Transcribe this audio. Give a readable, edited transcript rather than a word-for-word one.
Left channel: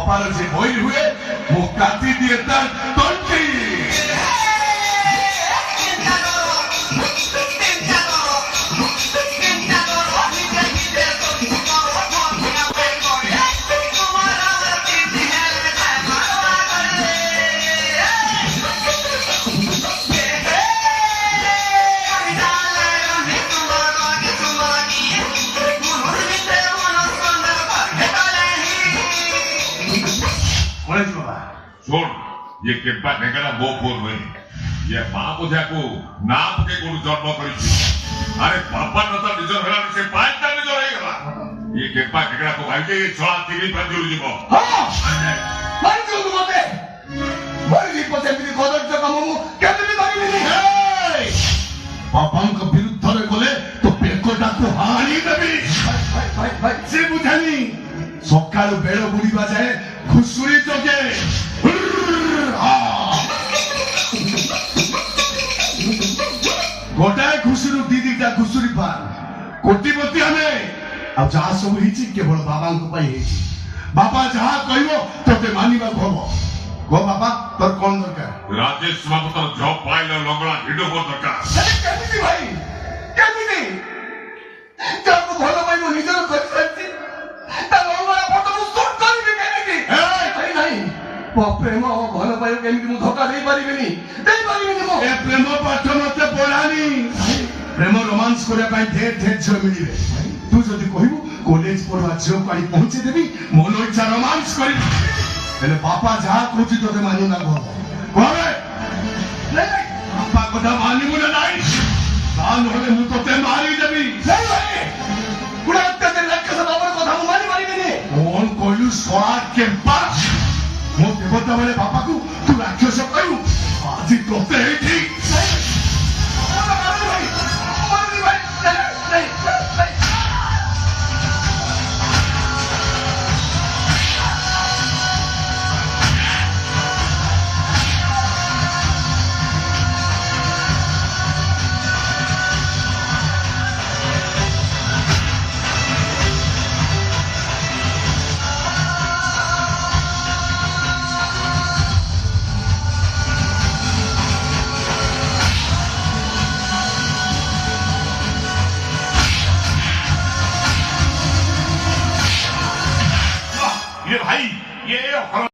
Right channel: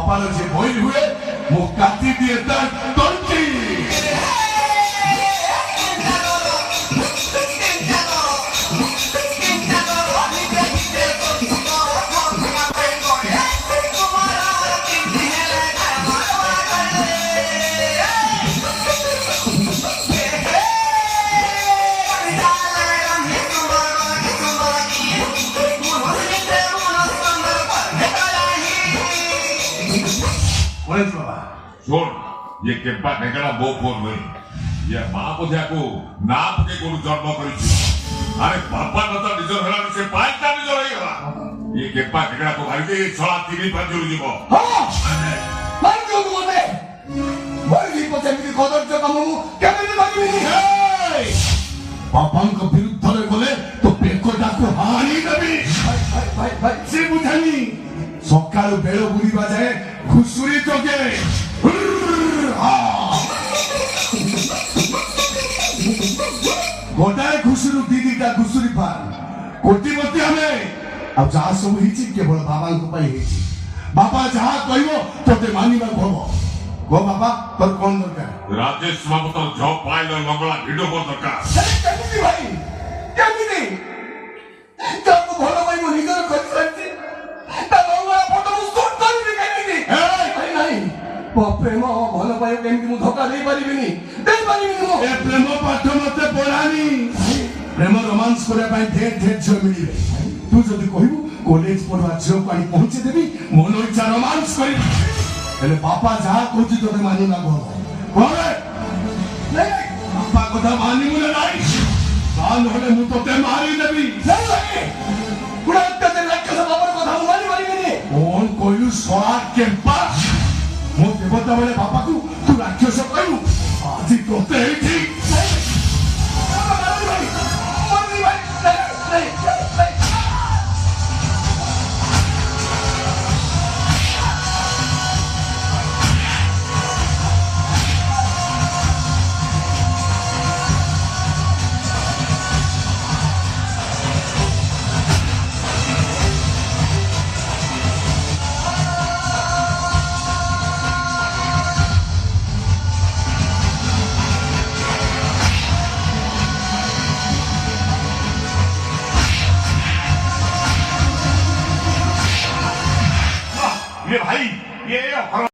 বাপার যে বই হুয়ে মো কাটি দিয়ে তার তন্টি শোন ये केम्पा ढेंगड़ा बो फोन हुए ये मां को जाको नाप के गुरु जन्म करी अरे बापा न तो निजर हला से पांच ता निजर हे गला ये केम्पा ढेंगड़ा को भाई के छळा तीन पंजुल जीवो हां पंजुल मते मरी पछे भी गदर जका मु केमि करिबि बापांक विरुद्ध रे बोले तो पेकोटा को हानी देबी भाई से बुझानी सकाळ बेळ बुलिबा जाय खुसुरी तोके गोटाए घुसुरु दीदीटा घुसुरी पार कोटिपति हमें अब जहाँ सब हिची केवल बाबा को पाई हिची बाबा जहाँ कहिबो तोते मानिबा हबो गो बाबा तोर कोन दरकार राजेश बाबू तो जॉब पाइल लगला भिडियो पर दरकार केमिति भाई केमिति जाको भलो पाइबो निजर कर सकते ता लगला फोटो मु शूट करबी केमिति भाई नहीं प्रेम भलो पाइबो केमिति मु धोखा देई परिबिनी मु ए प्रेम पाठ मते पढ़ानी प्रेम रोमांस करे पाई ढेर ढेर झ मिलिबे तू जदी कहिबो कॉलेज पढ़वा झ पाई पहुंचे देबी मन इच्छा रोमांस करी एले बापा जहा कहछि तोते मानु ना गो कोरे नहीं बापा कोठा मानिबो ना नाही कान होले मु तोते मारी देबी नहीं भाई कुड़ाते ते लक्ष्य से बाबर कोठा मु मारी परिबिनी कोन कोइलु सोआ के पास मो देवता बोले बापा को तू राक्षस कहू आज तोते एठी ये भाई ये